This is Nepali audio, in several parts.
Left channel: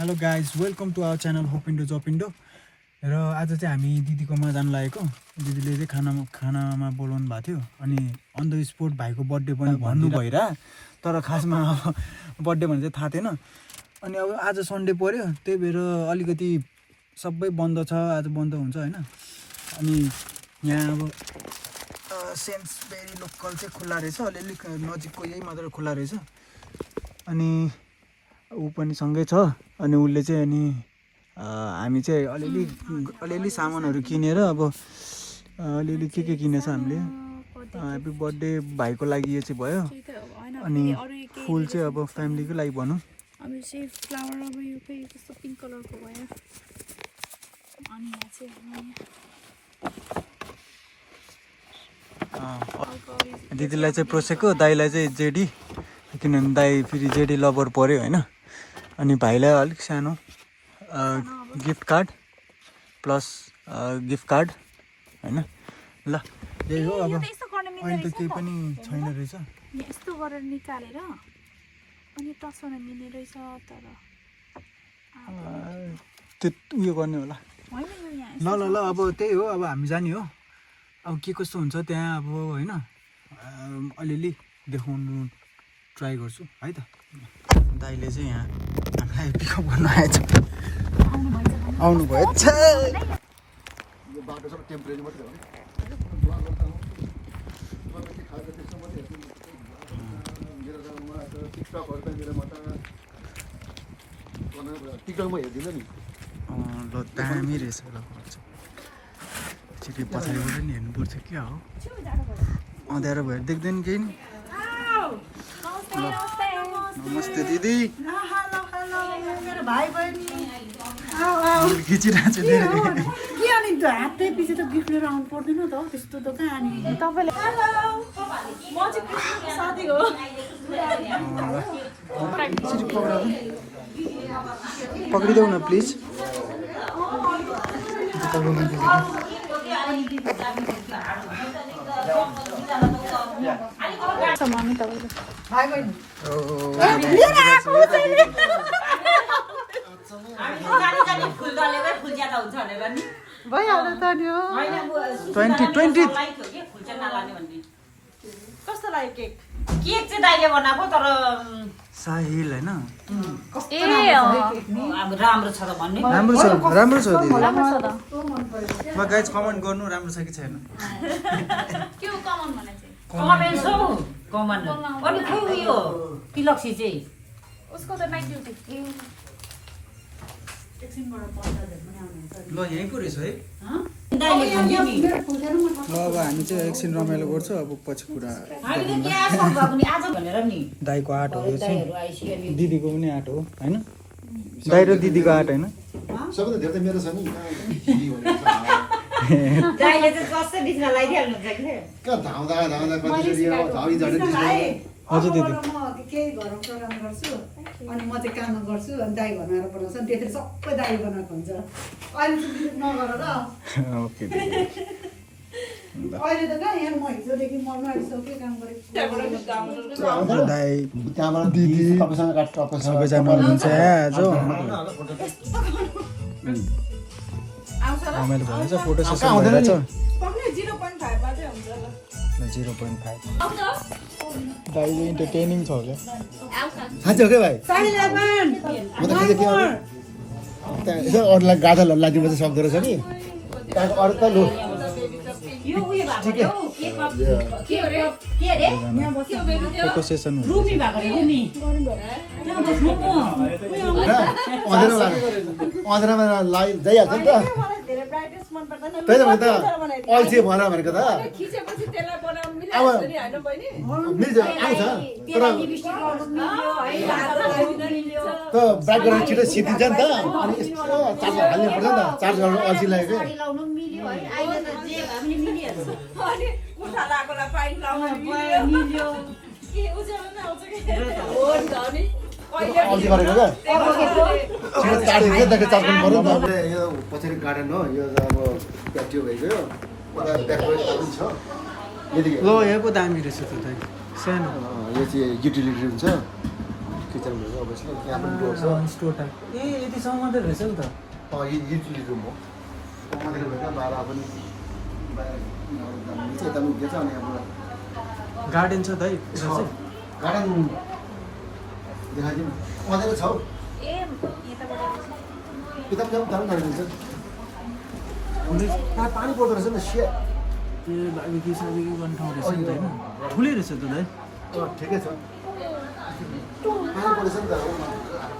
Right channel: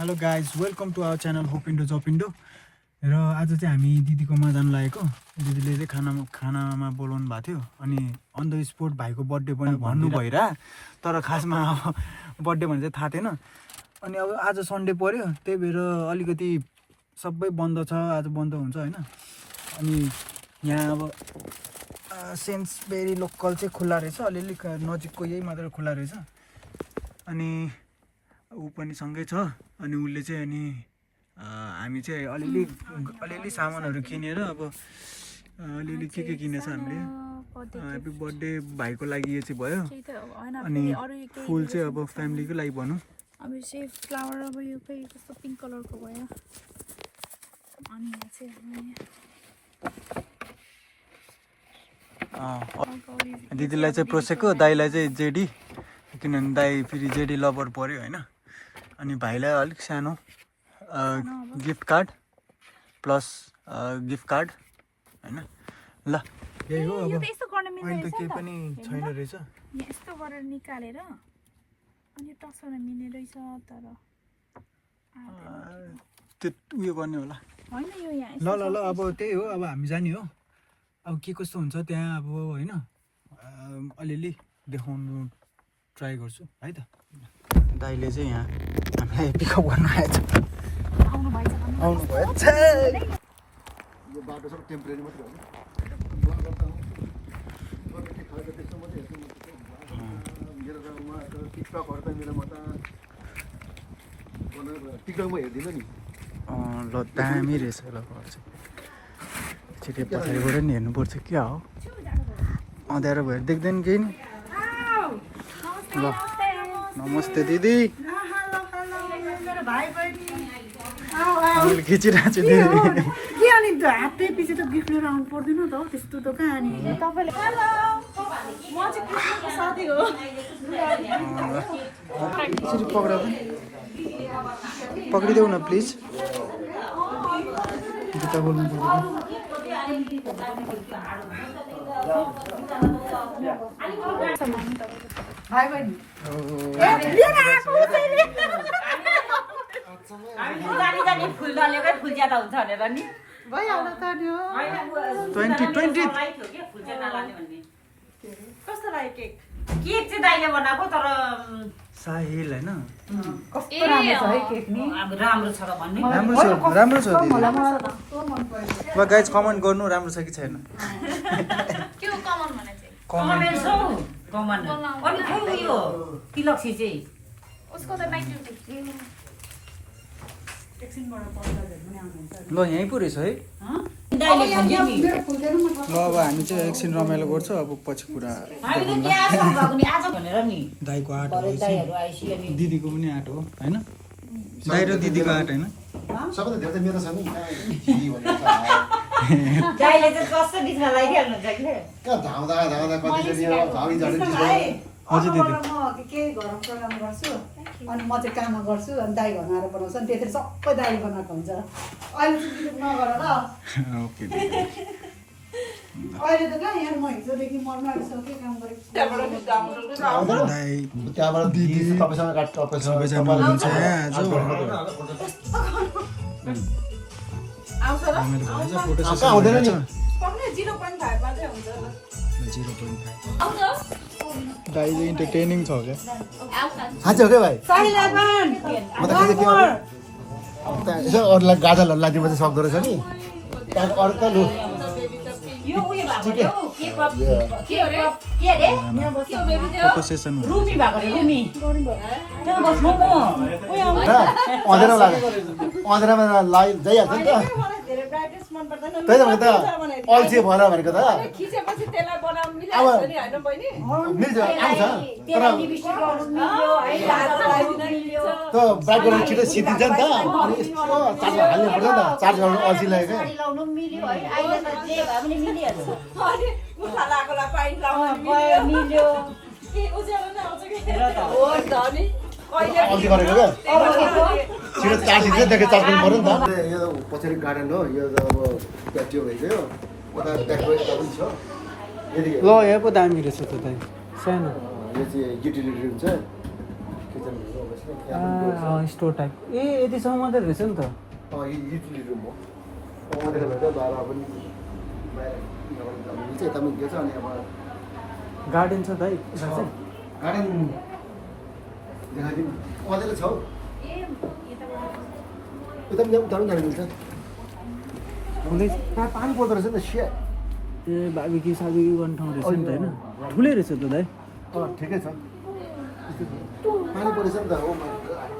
Hello guys welcome to our channel होपिन्डो जपिन्डो र आज चाहिँ हामी दिदीकोमा जानु लागेको दिदीले चाहिँ खानामा बोलाउनु भएको थियो अनि अन द स्पोट भाइको बर्थडे पनि भन्नु भइरा तर खासमा अब बर्थडे भने चाहिँ थाहा थिएन अनि अब आज सन्डे पर्यो त्यही भएर अलिकति सबै बन्द छ आज बन्द हुन्छ हैन अनि यहाँ अब सेन्स भेरी लोकल चाहिँ खुल्ला रहेछ अलिअलि नजिकको यही मात्र खुल्ला रहेछ अनि ऊ पनि सँगै छ अनि उसले चाहिँ अनि हामी चाहिँ अलिअलि सामानहरू किनेर अब अलिअलि के किनेछ हामीले ह्याप्पी बर्थडे भाइको लागि यो चाहिँ भयो अनि फुल चाहिँ अब फ्यामिलीको लागि भनौँ अब चाहिँ फ्लावर अब यो चाहिँ कस्तो पिङ्क कलरको भयो अनि यहाँ चाहिँ दिदीलाई चाहिँ प्रोसेको दाइलाई चाहिँ जेडी किनभने दाइ फेरि जेडी लभर पऱ्यो होइन अनि भाइलाई अलिक सानो gift card plus gift card होइन ल यही हो अब अहिले त केही पनि छैन रहेछ यस्तो गरेर निकालेर अनि टसमा मिल्ने रहेछ तर त्यो उयो गर्ने होला ल ल ल अब त्यही हो अब हामी जाने हो अब के कस्तो हुन्छ त्यहाँ अब होइन अलिअलि देखाउनु ट्राई गर्छु है त दाइले चाहिँ यहाँ हामीलाई पिकअप गर्न आएछ आउनु भयो यो बाटो सबै टेम्परेरी मात्रै हो मेरो गाउँमा त टिकटकहरू त मेरोमा त टिकटकमा हेर्दिनँ नि ल दामी रहेछ ल घर चाहिँ छिटै पछाडिबाट नि हेर्नुपर्छ क्या हो अँध्यारो भएर देख्दैन केही नि ल नमस्ते दिदी खिचिरहेको छु के अनि त हातै पछि त गिफ्ट लिएर आउनु पर्दैन त त्यस्तो त कहाँ अनि तपाईँले म चाहिँ कृष्णको साथी हो पक्रिदेऊ न प्लिज भइहाल्यो त नि हो 2020 कस्तो लाग्यो केक केक चाहिँ दाइले बनाएको तर साहिल होइन अब राम्रो छ र भन्ने राम्रो छ दिदी ल गाइज कमेन्ट गर्नु राम्रो छ कि छैन के हो कमन भने चाहिँ कमेन्ट छ कमेन्ट अनि खै उयो तिलक्सी चाहिँ उसको त नाइट ड्युटी ल यहीँ पो रहेछ है दाइले भन्यो नि ल अब हामी चाहिँ एकछिन रमाइलो गर्छौँ अब पछि कुरा हामीले त्यहाँ आएको नि आज भनेर नि दाइको आर्टहरू चाहिँ दाइहरू आइसक्यो नि दिदीको पनि आर्ट हो होइन दाइ र दिदीको आर्ट होइन सबैभन्दा धेरै त मेरो छ नि दाइले चाहिँ कस्तो बिचमा लगाइदिइहाल्नुहुन्छ कि कहाँ धाउँदा कतिचोटि झाउरी झरी हजुर दिदी केही घरमा प्रोग्राम गर्छु अनि म चाहिँ काममा गर्छु अनि दाई घरमा आएर बनाउँछ अनि त्यसरी सबै दाई बनाएको हुन्छ अहिले चाहिँ बिलिभ नगर ल ओके दिदी अहिले त कहाँ यहाँ म हिजोदेखि म नआइसकेँ काम गरेको दाइ त्यहाँबाट दिदी तपाईँसँग काट्छ सबैजना हुनुहुन्छ यहाँ आज रमाइलो भइरहेछ फोटो सेसन भइरहेछ 0.5 दाइले इन्टरटेनिङ छ क्या साँच्चै हो क्या भाइ म त खालि के यसो अरूलाई गाडाहरू लादिनु चाहिँ सक्दो रहेछ नि त्यहाँको अरू त लु यो उयो भएको के अरे फोटो सेसन रुमी भएको रे रुमी त्यहाँ बस्नु म अँधेरामा जाइहाल्छ नि त त्यही त भने त अल्छी भएर भनेको त अब मिल्छ आउँछ तर त ब्याक गरेर छिटो सिद्धिन्छ नि त अनि यस्तो चार्ज हाल्नु पर्छ नि त चार्ज गर्नु अल्छी लाग्यो क्या अल्छी गरेको क्या छिटो चार्ज दिन्छ त्यहाँदेखि चार्ज गर्नु पर्यो नि त यो पछाडि गार्डन हो यो त अब प्याटियो भइगयो उता ब्याकवर्ड पनि छ ल यहाँ पो दामी रहेछ त दाइ सानो यो चाहिँ युटिलिटी हुन्छ किचन भयो अभियसली यहाँ पनि डोर छ स्टोर टाइप ए यतिसम्म मात्रै रहेछ नि त युटिलिटी रुम हो मात्रै भएर बाहिर पनि बाहिर चाहिँ यता पनि दिएछ अनि अब गार्डन छ दाइ यता चाहिँ गार्डन देखाइदिनु अँधेरो छ हौ यता पनि उता पनि जानु मिल्छ प्रायः पानी पर्दो रहेछ नि सिया ए बार्बिक्यू सार्बिक्यू गर्ने ठाउँ रहेछ नि त होइन ठुलै रहेछ त दाइ ठिकै छ पानी पर्दैछ नि त हो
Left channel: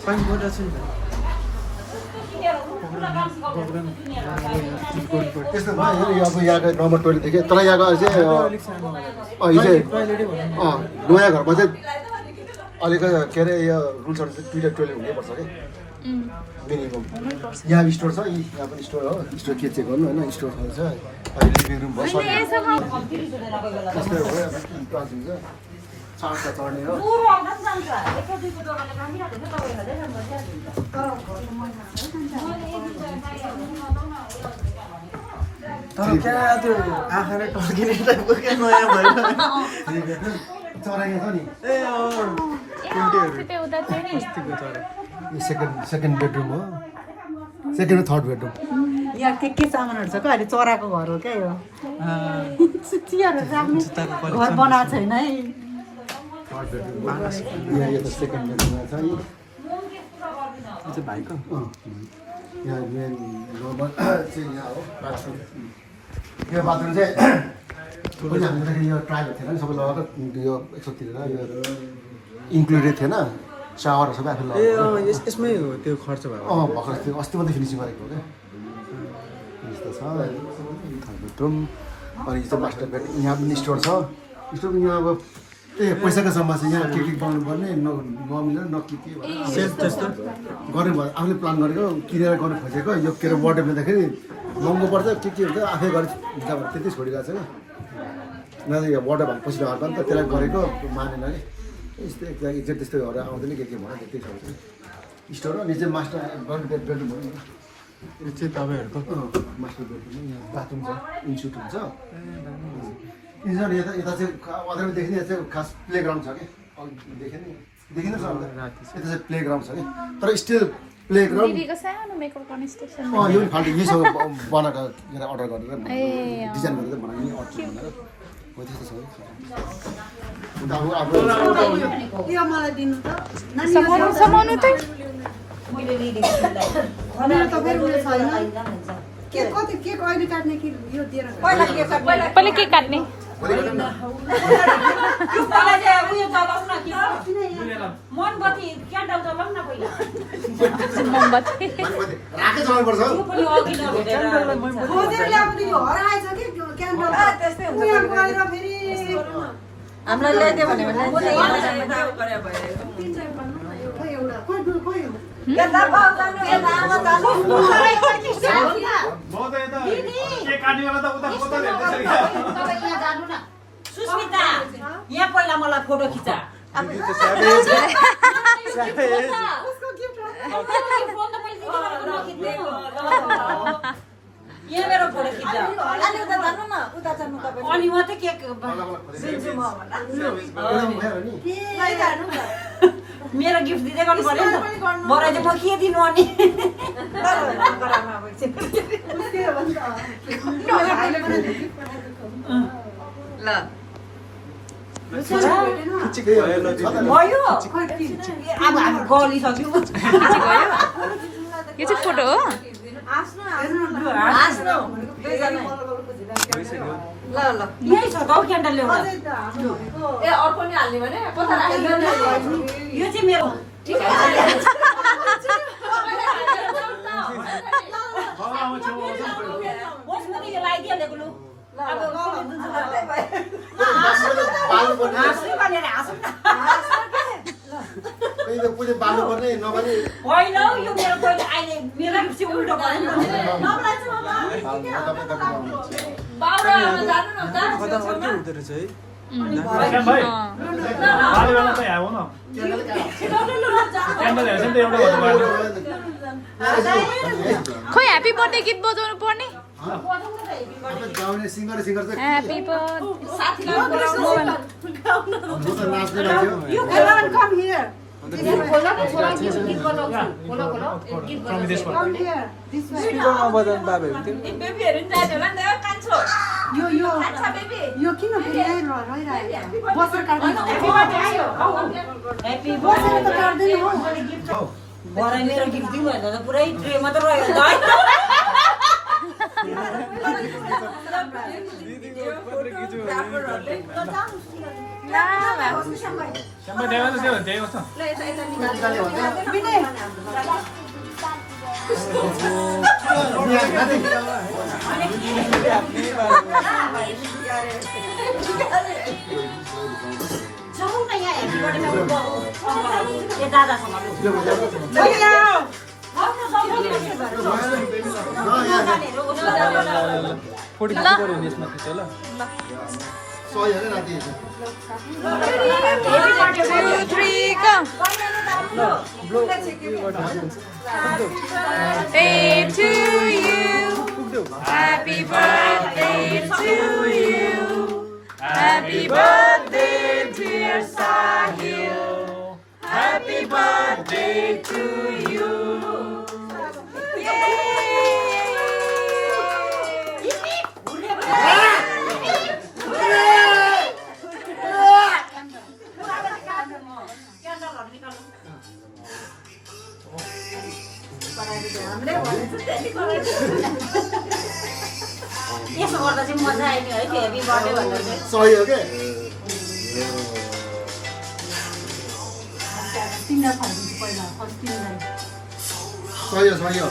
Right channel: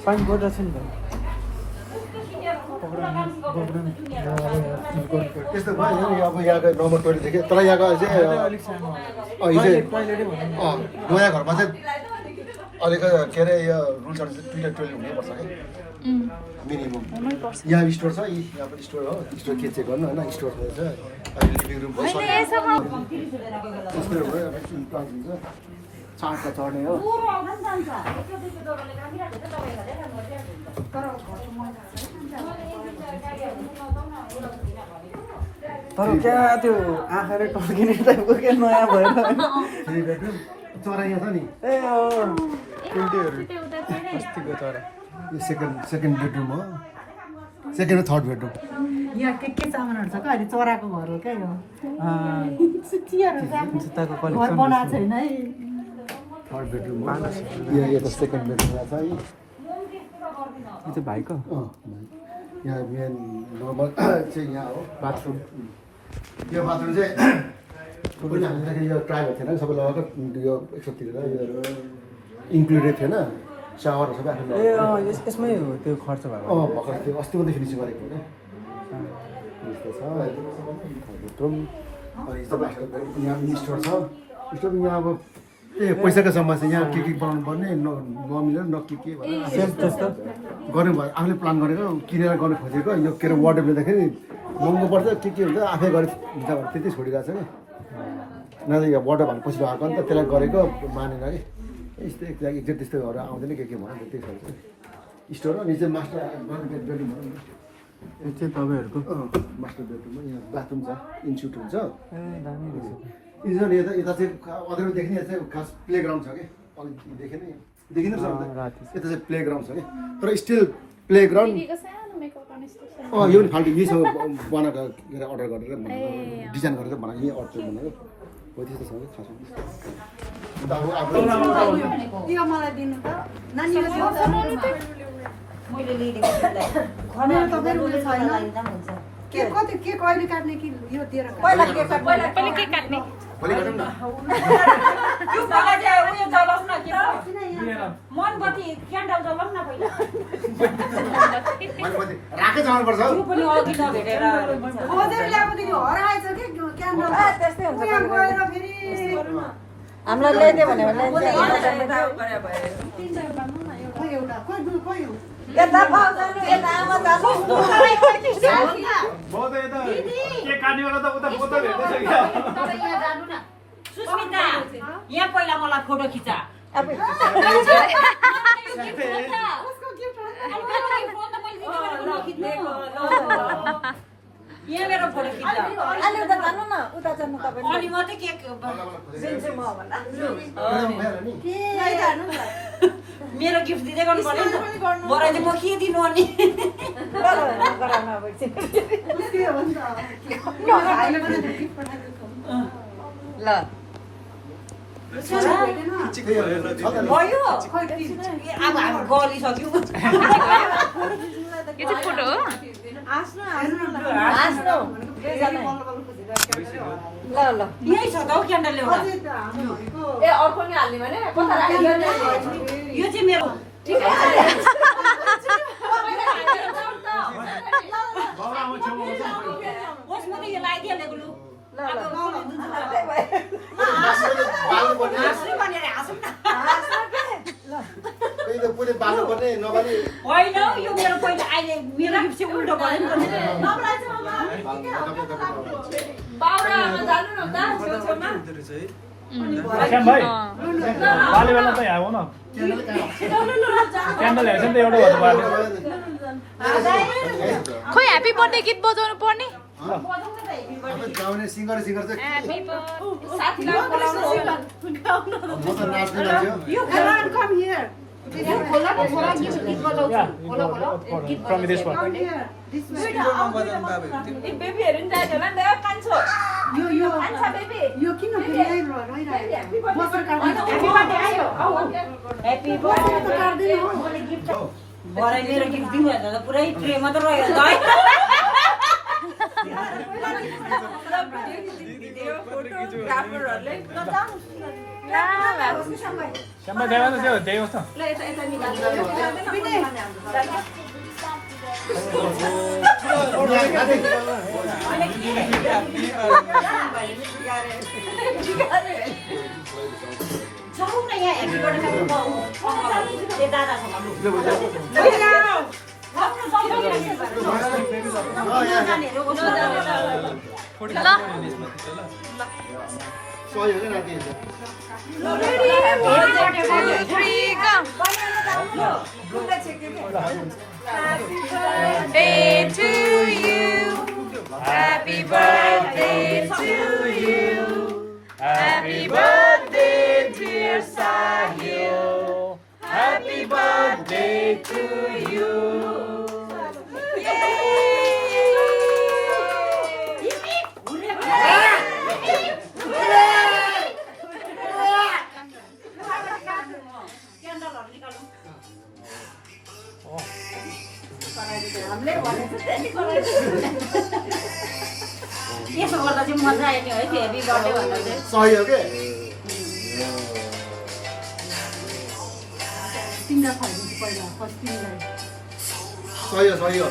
पानी परिरहेछ नि त त्यस्तो भयो यो अब यहाँको नम्बर 20 थियो तर यहाँको चाहिँ अलिक सानो हिजो टोइलेटै भन्नु नयाँ घरमा चाहिँ अहिलेको के अरे यो रुल्सहरू चाहिँ दुईवटा टोइलेट हुनैपर्छ कि मिनिमम यहाँ स्टोर छ यहाँ पनि स्टोर हो स्टोर के चेक गर्नु होइन स्टोर छ लिभिङ रुम भयो सरी यस्तो भयो क्लास हुन्छ चार्जमा चढ्ने हो तर क्या त्यो आँखाले टर्किने टाइपको क्या नयाँ भएर चरा यहाँ छ नि ए कुल्टीहरू अस्तिको चरा यो सेकेन्ड बेडरुम हो सेकेन्ड र थर्ड बेडरुम यहाँ के सामानहरू छ क्या अहिले चराको घर हो क्या यो चियाहरू राख्ने जुत्ताको घर कलेक्सन बनाएको छैन है थर्ड बेडरुम यो त सेकेन्ड बेडरुम छ है यो चाहिँ भाइको यहाँ मेन नम्बर चाहिँ यहाँ हो बाथरुम यो बाथरुम चाहिँ हामीलाई यो ट्राइहरू थिएन सबै लगाएको यो यसो तिरेर यो इन्क्लुडेड थिएन सावरहरू सबै आफूले ए यसमै हो त्यो खर्च भएको भर्खर त्यो अस्ति मात्रै फिनिसिङ गरेको हो क्या यस्तो छ बेडरुम अनि यस्तो मास्टर बेड यहाँ पनि स्टोर छ स्टोर यहाँ अब पैसाको समस्या यहाँ के बनाउनु पर्ने नमिलेर न के सेल्फ त्यस्तो गर्नु भयो आफूले प्लान गरेको किनेर गर्नु खोजेको यो के अरे वाटर लिँदाखेरि महँगो पर्छ के हुन्छ आफै गरेर हुन्छ त्यति छोडिरहेको छ कि न त यहाँ वाटर भने पछि आएको नि त त्यसलाई गरेको मानेन कि यस्तै एक्ज्याक्ट त्यस्तैहरू आउँदैन के भयो त्यस्तै छ स्टोर हो निचे मास्टर गर्नु बेडरुम हो यो चाहिँ तपाईँहरूको मास्टर बेडरुम यहाँ बाथरुम छ इन्स्टिट्युट हुन्छ इन्स्टिट्युट यता चाहिँ अदरमा देखिने यहाँ चाहिँ खास प्ले ग्राउन्ड छ कि देखिनु छ राति यता चाहिँ प्ले ग्राउन्ड छ कि तर स्टिल प्ले ग्राउन्ड दिदीको सानो मेकअप गर्ने स्टेसन यो पनि फाल्टु यहीसँग बनाएको के अरे अर्डर गरेर डिजाइन गरेर बनाएको यहीँ अर्डर बनाएर हो त्यस्तो छ कि अन्त अब यो मलाई दिनु त समाउनु त मेरो त फेरि उयो छैन के कति के कहिले काट्ने कि यो दिएर पहिला के काट्ने भोलि गर्नु न यो पाला चाहिँ उयो जलाउँ न के मोमबत्ती क्यान्डल जलाउँ न पहिला मोमबत्ती राकै चलाउनुपर्छ यो पनि अघि नभेटेर खोजेर ल्याएको दिदी हराएछ कि क्यान्डल त्यस्तै हुन्छ उयो गएर फेरि हामीलाई ल्याइदियो भने खोइ एउटा खोइ हो सुस्मिता यहाँ पहिला मलाई फोटो खिचा यहाँ मेरो फोटो खिचा अनि मात्रै केक मेरो गिफ्ट दिँदै गर्नु पर्यो नि त बरु चाहिँ म के दिनु अनि ल भयो अब हामी गलिसक्यौँ यो चाहिँ फोटो हो ल ल यही छ त हौ क्यान्डल ल्याउनु यो चाहिँ मेरो होस् म त यो लगाइदिइहालेको लु हाँस्नै भनेर हाँसौँ न होइन हौ यो मेरो पहिले अहिले मेरो गिफ्ट चाहिँ उल्टो भयो नि कता अर्कै हुँदो रहेछ है खोइ ह्याप्पी बर्थडे गीत बजाउनु पर्ने गाउने सिङ्गर चाहिँ happy You cannot come here. खोला त छोरा गीत बजाउँछु खोलो खोलो गीत बजाउँछु Come here. This way. बजाउनु बाबेहरू थियो बेबीहरु नि जाने होला नि त कान्छो यो कान्छा बेबी यो किन फेरि रहिरहेको बसेर काट्दैन ह्यापी बर्थडे आयो ह्यापी बसेर त काट्दैन हो भरे मेरो गीत दिनु भएन त पुरै ट्रे मात्र रह्यो त जाऊ न यहाँ ह्यापी बर्थडे दादासँग सही हो क्या राति Birthday to you. Happy birthday to you. Happy birthday, dear Sahil. Happy birthday to you. यसो गर्दा चाहिँ मजा आयो नि है त्यो ह्यापी बर्थडे भन्दा चाहिँ सही हो क्या तिमीलाई खुवाइदिन्छु पहिला फर्स्ट तिमीलाई सही हो सही हो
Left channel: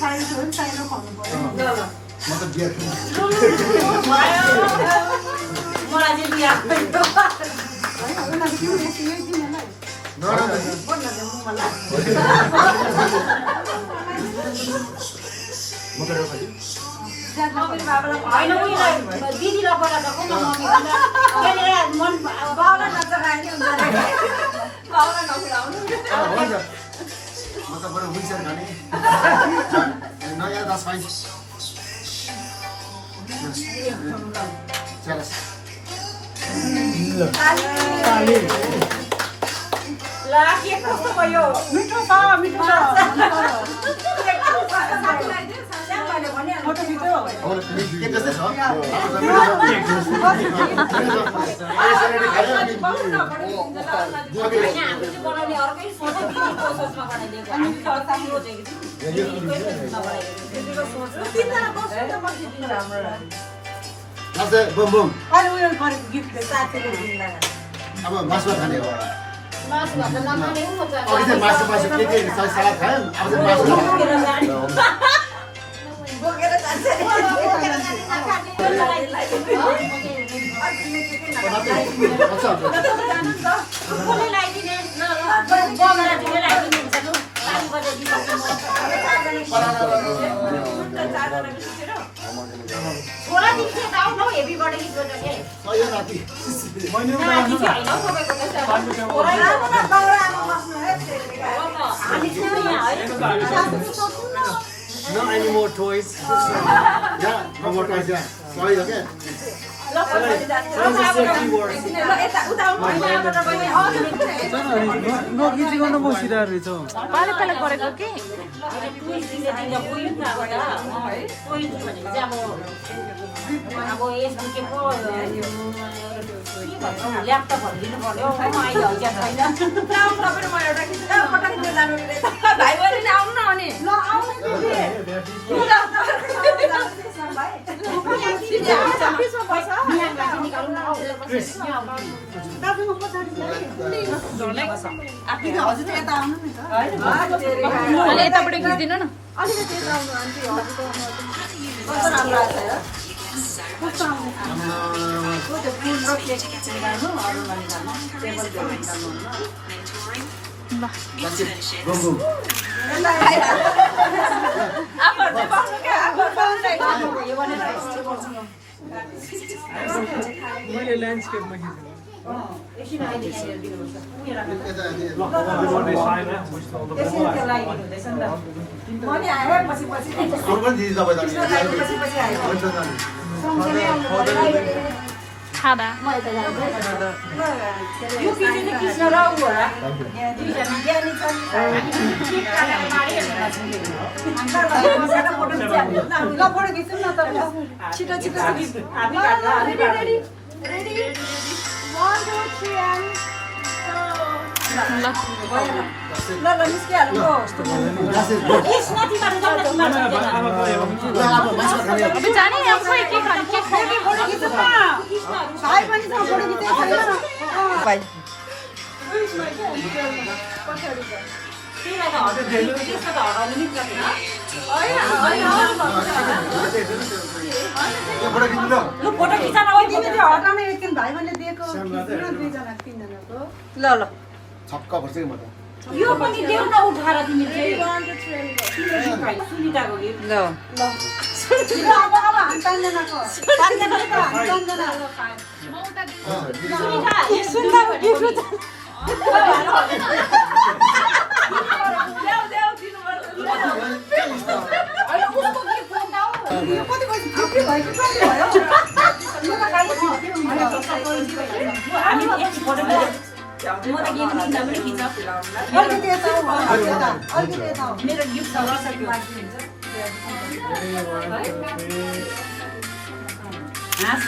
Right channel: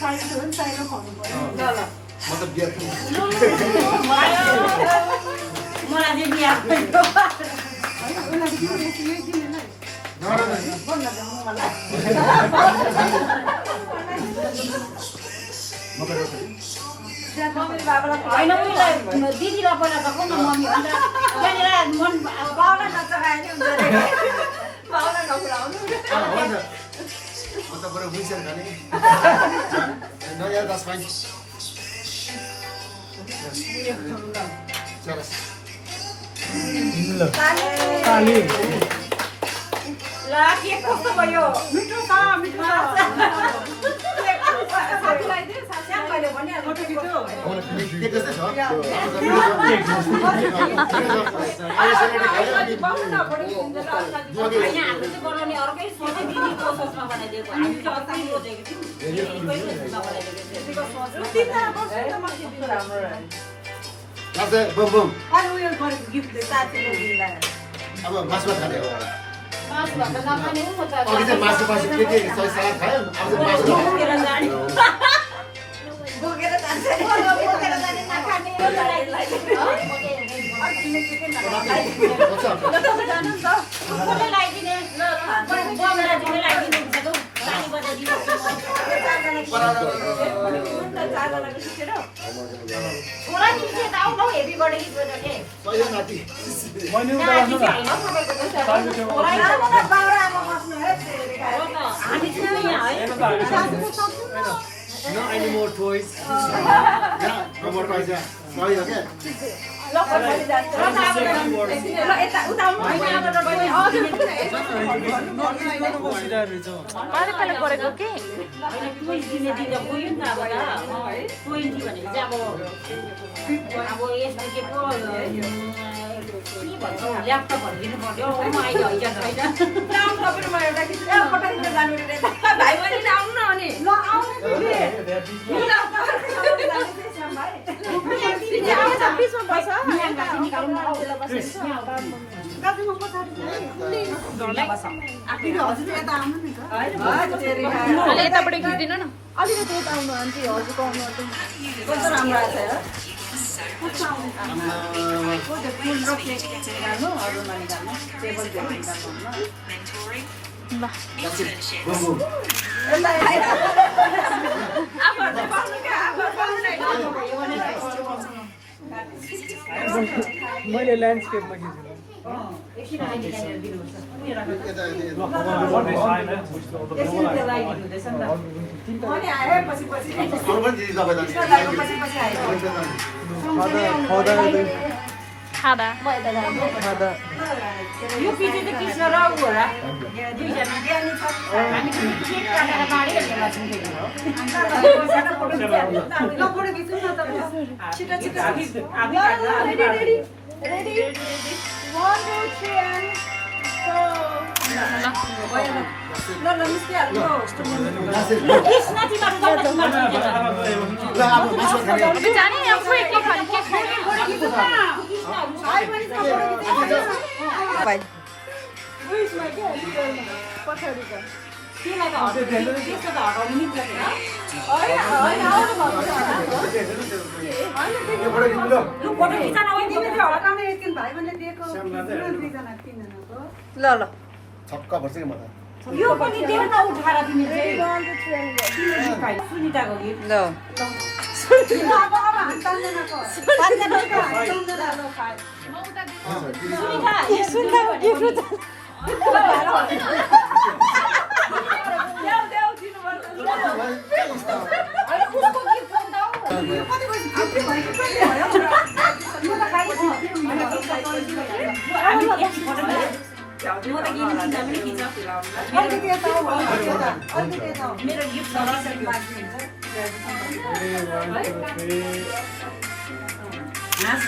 साइड हो नि साइडमा खुवाउनु पर्यो म त बियर मलाई चाहिँ बिहा उसलाई किन बेसी यही तिमीलाई म त होइन उनीलाई दिदीलाई पहिला त को मम्मी भनेर त्यहाँनिर मन बाउलाई नच्चा खायो नि हुन्छ अरे बाउलाई नखुलाउनु हुन्छ म त बरु विन्सर खाने नयाँ 10 पाइन्छ चल ला के कस्तो भयो मिठो छ मिठो श्यामले भने फोटो खिच्यो अब के त्यस्तै छ आइसोलेटेड खायो अनि हामीले बनाउने अर्कै सोचे दिदी प्रोसेसमा बनाइदिएको हामी त अर्कै सोचेको थियौँ लाग्छ बम बम अहिले उयो गरेको गिफ्ट साथीले दिनलाई अब मासु खाने हो मासु भात नखाने हो म त अघि चाहिँ मासु मासु के सलाद खायो अब चाहिँ मासु बोकेर जाने बोकेर जान्छ बोकेर जाने छोरा दिदी त आउनु हेभी बर्थडे गीत बजाउने सही नाति No any more toys. Yeah, no more toys. Yeah, sorry, okay. पाले गरेको कि ल्यापटपहरू दिनु पर्यो अहिले हैजा छैन भाइ बहिनी आउनु न अनि अलि यताबाट खिच्दिनु न Boom, boom. मैले ल्यान्डस्केपमा दिदी तपाईँ खादा म यता जान्छु यो पिटी चाहिँ कृष्ण र ऊ होला दुईजना ज्ञानी छन् ल फोटो खिच्नु न त छिटो छिटो ल निस्किहाल्नु अब जाने अब खोइ के खाने के खुवाउने फोटो खिचाउन हटाउने एकछिन भाइ मैले दिएको दुईजना तिनजनाको ल ल छक्का पर्छ कि म त यो पनि देऊ न उठाएर तिमी चाहिँ सुनिताको गीत ल सुनिताको गीत म त गेम किन्दा पनि खिच्न मेरो गिफ्ट छ हाँस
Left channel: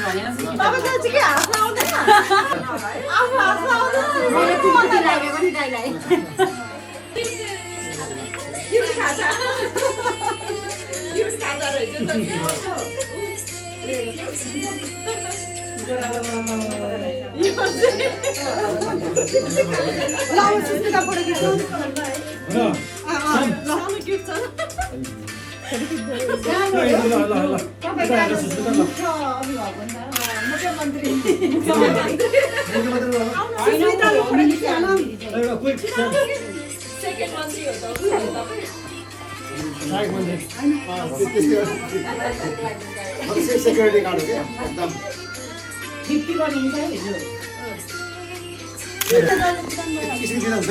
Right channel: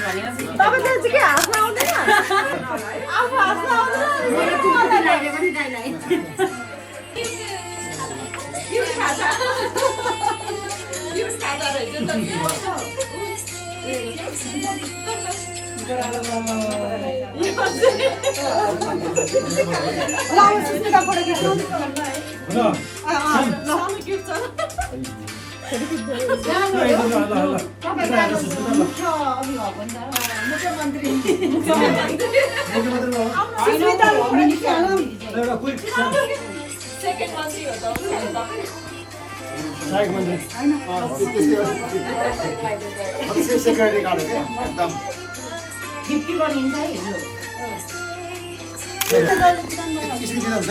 सेक्युरिटी गार्ड हो क्या एकदम 50 बनिन्छ है किसिम किसिम हुन्छ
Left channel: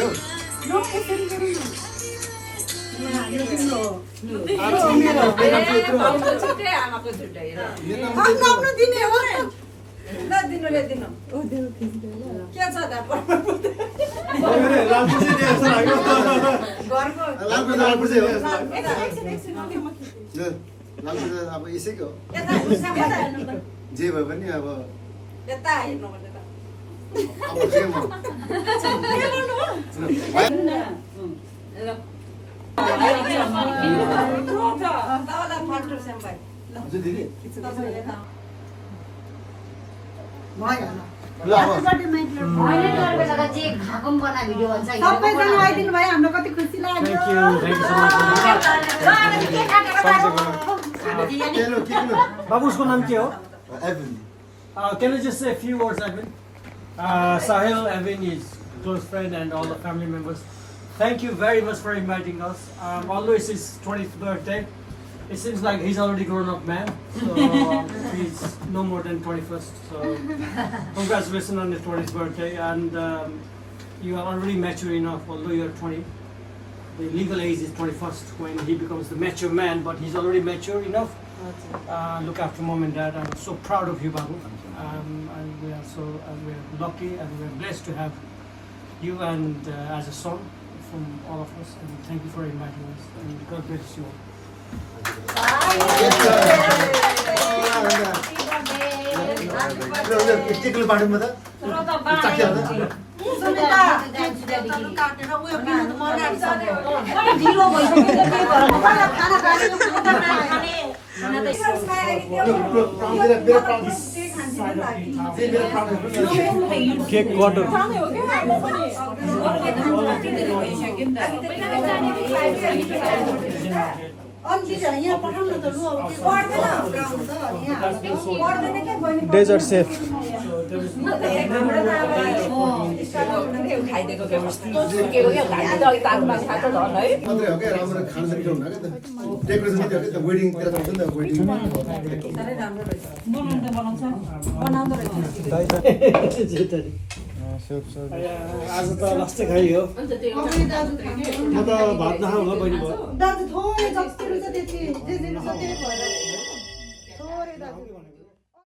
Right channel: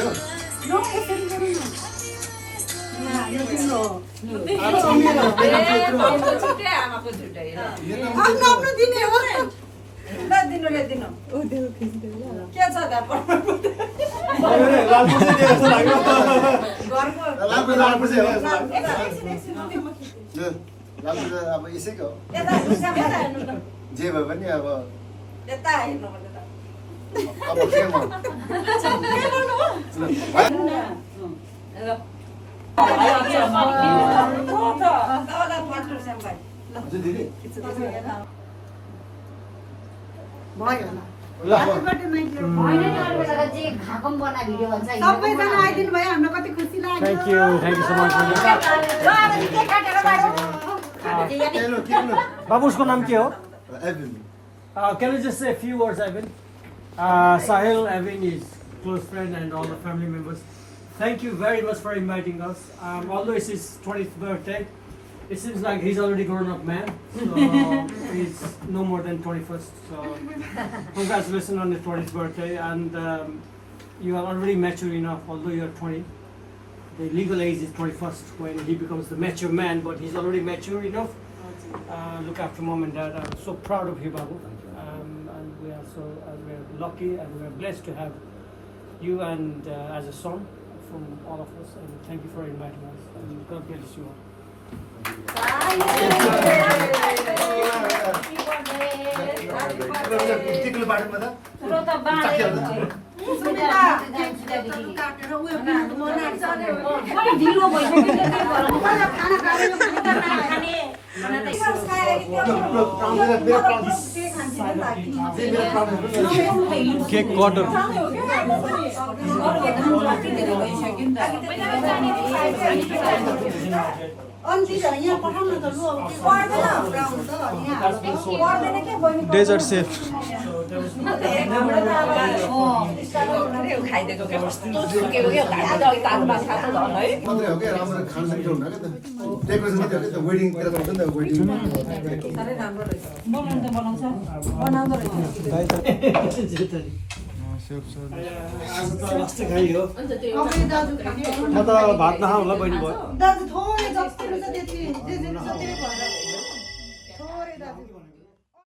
अब यसैको जे भए पनि अब अब के म सबैजना आइदिनु भयो हाम्रो कति खुसी लाग्यो बाबू उसको नाम के हो? Evan. Can you just say a few words, Evan? Sahil, Evan is close friend and all the family members. Thank you very much for inviting us. Although it's his 20th birthday, it seems like he's already grown up man. So he's no more than 21st. So congratulations on his 20th birthday, and you are already mature enough. Although you're 20, the legal age is 21st when he becomes the mature man. But he's already mature enough. Look after mom and dad. I'm so proud of you, Babu. And we are lucky and we are blessed to have you and as a son from all of us. And thank you for inviting us. And God bless you all. टिकलो बाटोमा त ढिलो भइसक्यो केक कटर यहाँ पठाउन त लु अब के पर्दैन क्या बहिनी डेजर्ट सेफ मात्रै हो क्या राम्रो खान सक्ने हुन्न क्या त डेकोरेसन मात्रै हो क्या त वेडिङतिर त हुन्छ नि त वेडिङ आज त लास्ट खाइ हो म त भात नखाउँ होला बहिनी भयो दाजु थोरै जति हुन्छ त्यति जे जे छ त्यही भएर